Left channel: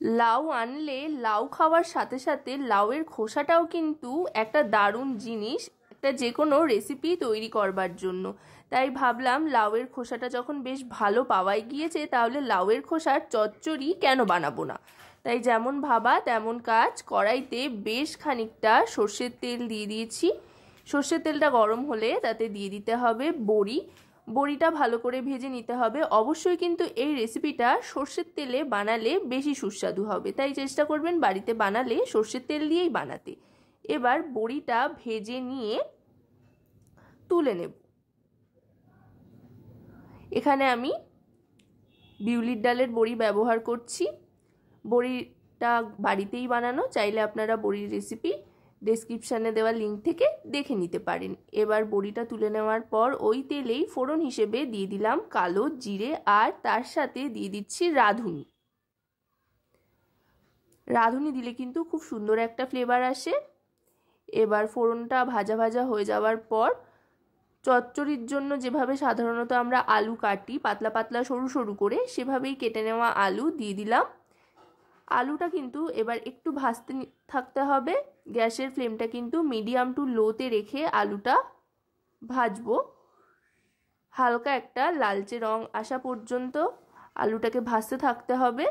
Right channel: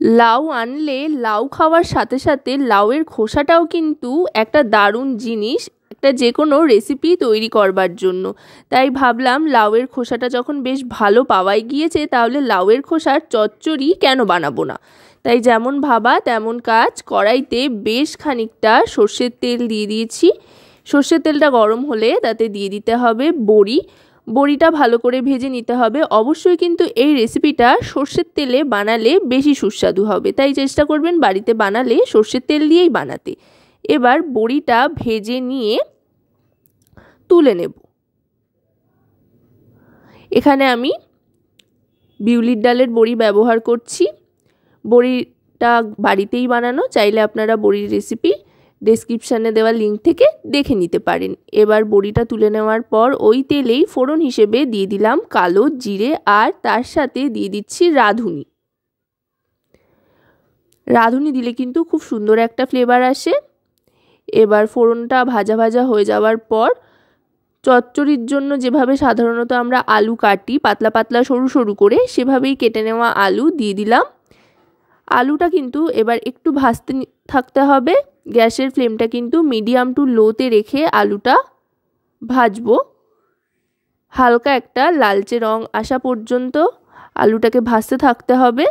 লাউ আনলে লাউ খাওয়ার সাথে সাথে লাউয়ের খোসাটাও কিন্তু একটা দারুণ জিনিস একটা যে কোনো রেসিপি তৈরি করবার জন্য। তাই ভাবলাম লাউয়ের খোসাটা যখন বেশ ভালো পাওয়াই গিয়েছে, তাহলে লাউয়ের খোসার চচ্চড়ি কেন বানাবো না। তাই যেমন ভাবা তেমন কাজ, কড়াইতে বেশ খানিকটা সর্ষের তেল দিয়ে দিয়েছি। সর্ষের তেলটা গরম হলে তাতে দিয়ে দিতে হবে বড়ি। বড়িটা ভালো করে ভেজে নিতে হবে। অবশ্যই কিন্তু এই রেসিপিটা সর্ষের তেলে বানালে বেশি সুস্বাদু হবে, তাই চেষ্টা করবেন বাড়িতে বানালে সর্ষের তেল দিয়েই বানাতে। এবার বড়িটা ভেজে নিয়ে তুলে নেব। এখানে আমি বিউলির ডালের বড়ি ব্যবহার করছি। বড়িটা বাড়িতেই বানানো, চাইলে আপনারা বড়ির রেসিপি ডেসক্রিপশানে দেওয়া লিঙ্ক থেকে দেখে নিতে পারেন। এবার বড়িটা তুলে নেওয়ার পর ওই তেলেই ফোড়ন হিসেবে দিয়ে দিলাম কালো জিরে, আর তার সাথে দিয়ে দিচ্ছি রাঁধুনি। রাঁধুনি দিলে কিন্তু খুব সুন্দর একটা ফ্লেভার আসে। এবার ফোড়নটা ভাজা ভাজা হয়ে যাওয়ার পর চচ্চড়ির জন্য যেভাবে সাধারণত আমরা আলু কাটি পাতলা পাতলা সরু সরু করে, সেভাবেই কেটে নেওয়া আলু দিয়ে দিলাম। আলুটা কিন্তু এবার একটু ভাজতে থাকতে হবে। গ্যাসের ফ্লেমটা কিন্তু মিডিয়াম টু লোতে রেখে আলুটা ভাজবো। হালকা একটা লালচে রং আসা পর্যন্ত আলুটাকে ভাজতে থাকতে হবে।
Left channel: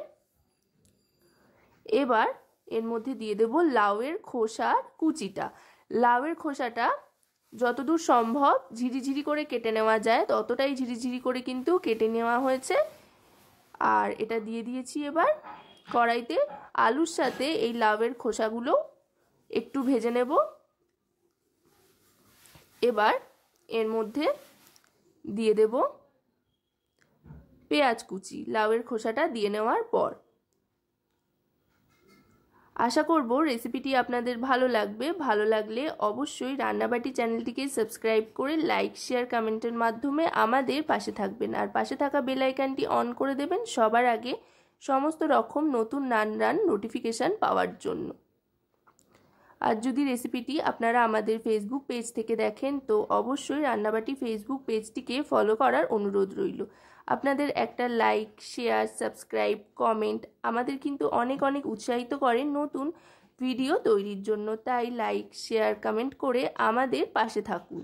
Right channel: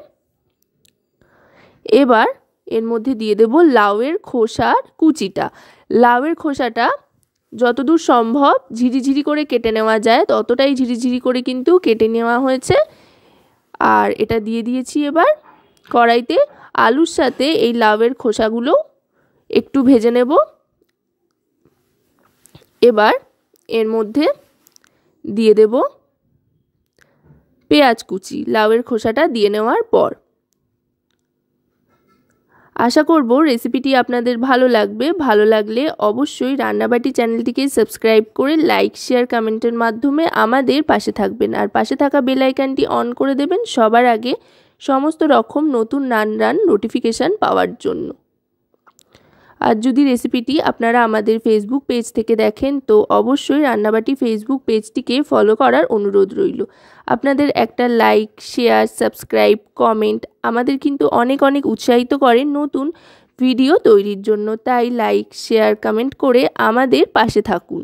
এবার এর মধ্যে দিয়ে দেব লাউয়ের খোসার কুচিটা। লাউয়ের খোসাটা যতদূর সম্ভব ঝিরিঝিরি করে কেটে নেওয়া যায় ততটাই ঝিরিঝিরি করে কিন্তু কেটে নেওয়া হয়েছে। আর এটা দিয়ে দিয়েছি এবার কড়াইতে। আলুর সাথে এই লাউয়ের খোসাগুলো একটু ভেজে নেব। এবার এর মধ্যে দিয়ে দেব পেঁয়াজ কুচি। লাউয়ের খোসাটা দিয়ে নেওয়ার পর আশা করব রেসিপিটি আপনাদের ভালো লাগবে। ভালো লাগলে অবশ্যই রান্নাবাটি চ্যানেলটিকে সাবস্ক্রাইব করে লাইক শেয়ার কমেন্টের মাধ্যমে আমাদের পাশে থাকবেন, আর পাশে থাকা বেল আইকনটি অন করে দেবেন সবার আগে সমস্ত রকম নতুন রান্নার নোটিফিকেশান পাওয়ার জন্য। আর যদি রেসিপিটি আপনারা আমাদের ফেসবুক পেজ থেকে দেখেন তো অবশ্যই রান্নাবাটি ফেসবুক পেজটিকে ফলো করার অনুরোধ রইল। আপনাদের একটা লাইক শেয়ার সাবস্ক্রাইব কমেন্ট আমাদের কিন্তু অনেক অনেক উৎসাহিত করে নতুন ভিডিও তৈরির জন্য। তাই লাইক শেয়ার কমেন্ট করে আমাদের পাশে থাকুন।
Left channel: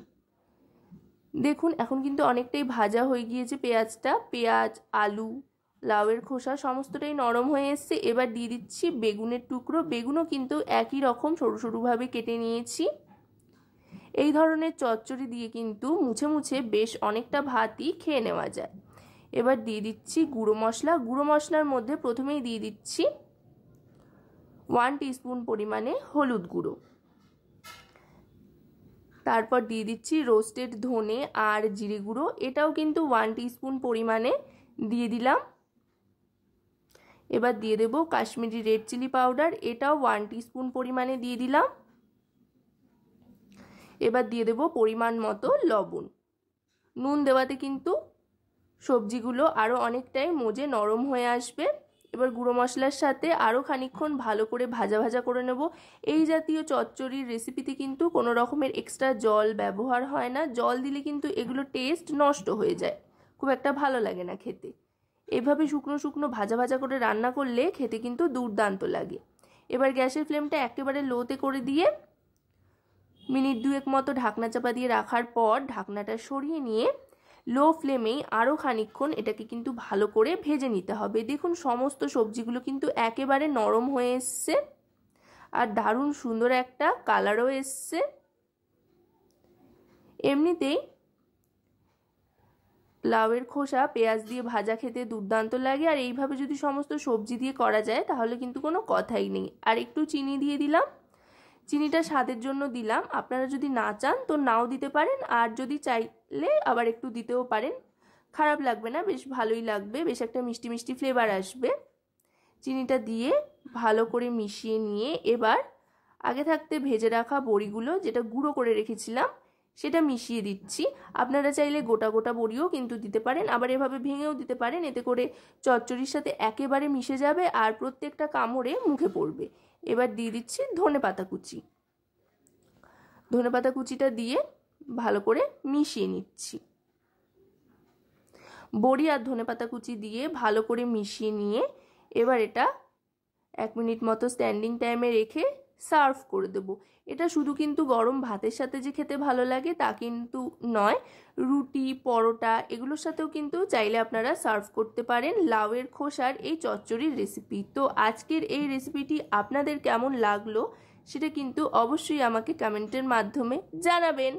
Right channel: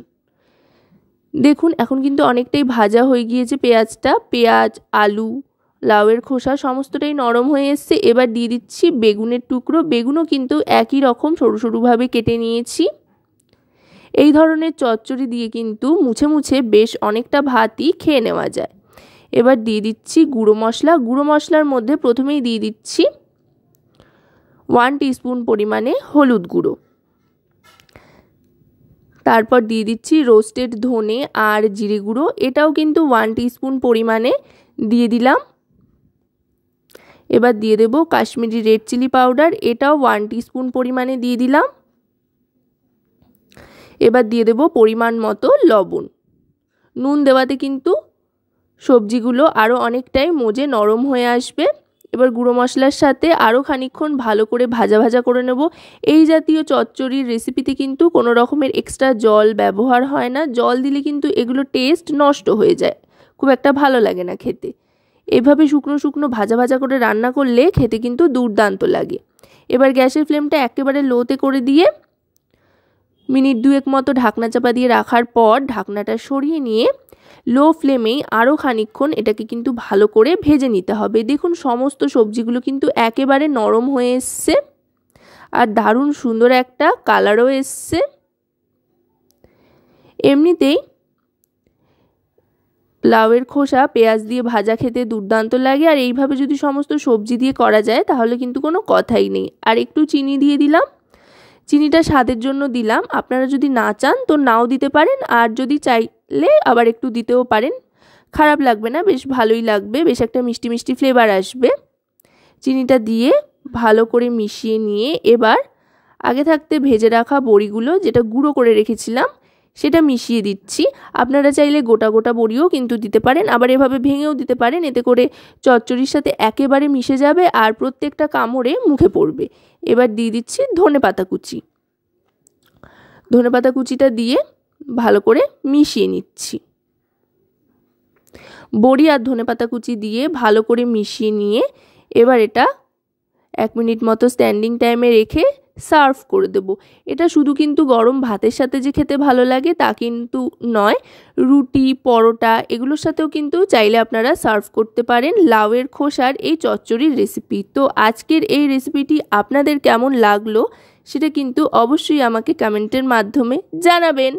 দেখুন এখন কিন্তু অনেকটাই ভাজা হয়ে গিয়েছে পেঁয়াজটা। পেঁয়াজ আলু লাউয়ের খোসা সমস্তটাই নরম হয়ে এসছে। এবার দিয়ে দিচ্ছি বেগুনের টুকরো। বেগুনও কিন্তু একই রকম সরু সরুভাবে কেটে নিয়েছি। এই ধরনের চচ্চড়ি দিয়ে কিন্তু মুছে মুছে বেশ অনেকটা ভাতই খেয়ে নেওয়া যায়। এবার দিয়ে দিচ্ছি গুঁড়ো মশলা। গুঁড়ো মশলার মধ্যে প্রথমেই দিয়ে দিচ্ছি 1 টিস্পুন পরিমাণে হলুদ গুঁড়ো। তারপর দিয়ে দিচ্ছি রোস্টেড ধনে আর জিরে গুঁড়ো, এটাও কিন্তু 1 টিস্পুন পরিমাণে দিয়ে দিলাম। এবার দিয়ে দেব কাশ্মীরি রেড চিলি পাউডার, এটাও 1 টিস্পুন পরিমাণে দিয়ে দিলাম। এবার দিয়ে দেব পরিমাণ মতো লবণ। নুন দেওয়াতে কিন্তু সবজিগুলো আরও অনেকটাই মজে নরম হয়ে আসবে। এবার গুঁড়ো মশলার সাথে আরও খানিকক্ষণ ভালো করে ভাজা ভাজা করে নেব। এই জাতীয় চচ্চড়ির রেসিপিতে কিন্তু কোনো রকমের এক্সট্রা জল ব্যবহার হয় না। জল দিলে কিন্তু এগুলো টেস্ট নষ্ট হয়ে যায়, খুব একটা ভালো লাগে না খেতে। এইভাবে শুকনো শুকনো ভাজা ভাজা করে রান্না করলে খেতে কিন্তু দুর্দান্ত লাগে। এবার গ্যাসের ফ্লেমটা একেবারে লোতে করে দিয়ে মিনিট 2 মতো ঢাকনা চাপা দিয়ে রাখার পর ঢাকনাটা সরিয়ে নিয়ে লো ফ্লেমেই আরও খানিকক্ষণ এটাকে কিন্তু ভালো করে ভেজে নিতে হবে। দেখুন সমস্ত সবজিগুলো কিন্তু একেবারে নরম হয়ে এসছে আর দারুণ সুন্দর একটা কালারও এসছে। এমনিতেই লাউয়ের খোসা পেঁয়াজ দিয়ে ভাজা খেতে দুর্দান্ত লাগে, আর এইভাবে যদি সমস্ত সবজি দিয়ে করা যায় তাহলে কিন্তু কোনো কথাই নেই। আর একটু চিনি দিয়ে দিলাম। চিনিটা স্বাদের জন্য দিলাম, আপনারা যদি না চান তো নাও দিতে পারেন, আর যদি চাইলে আবার একটু দিতেও পারেন। খারাপ লাগবে না, বেশ ভালোই লাগবে, বেশ একটা মিষ্টি মিষ্টি ফ্লেভার আসবে। চিনিটা দিয়ে ভালো করে মিশিয়ে নিয়ে এবার আগে থাকতে ভেজে রাখা বড়িগুলো যেটা গুঁড়ো করে রেখেছিলাম সেটা মিশিয়ে দিচ্ছি। আপনারা চাইলে গোটা গোটা বড়িও কিন্তু দিতে পারেন, আবার এভাবে ভেঙেও দিতে পারেন। এতে করে চচ্চড়ির সাথে একেবারে মিশে যাবে আর প্রত্যেকটা কামড়ে মুখে পড়বে। এবার দিয়ে দিচ্ছি ধনেপাতা কুচি। ধনেপাতা কুচিটা দিয়ে ভালো করে মিশিয়ে নিচ্ছি। বড়ি আর ধনেপাতা কুচি দিয়ে ভালো করে মিশিয়ে নিয়ে এবার এটা 1 মিনিট মতো স্ট্যান্ডিং টাইমে রেখে সার্ভ করে দেব। এটা শুধু কিন্তু গরম ভাতের সাথে যে খেতে ভালো লাগে তা কিন্তু নয়, রুটি পরোটা এগুলোর সাথেও কিন্তু চাইলে আপনারা সার্ভ করতে পারেন লাউয়ের খোসার এই চচ্চড়ির রেসিপি। তো আজকের এই রেসিপিটি আপনাদের কেমন লাগলো সেটা কিন্তু অবশ্যই আমাকে কমেন্টের মাধ্যমে জানাবেন।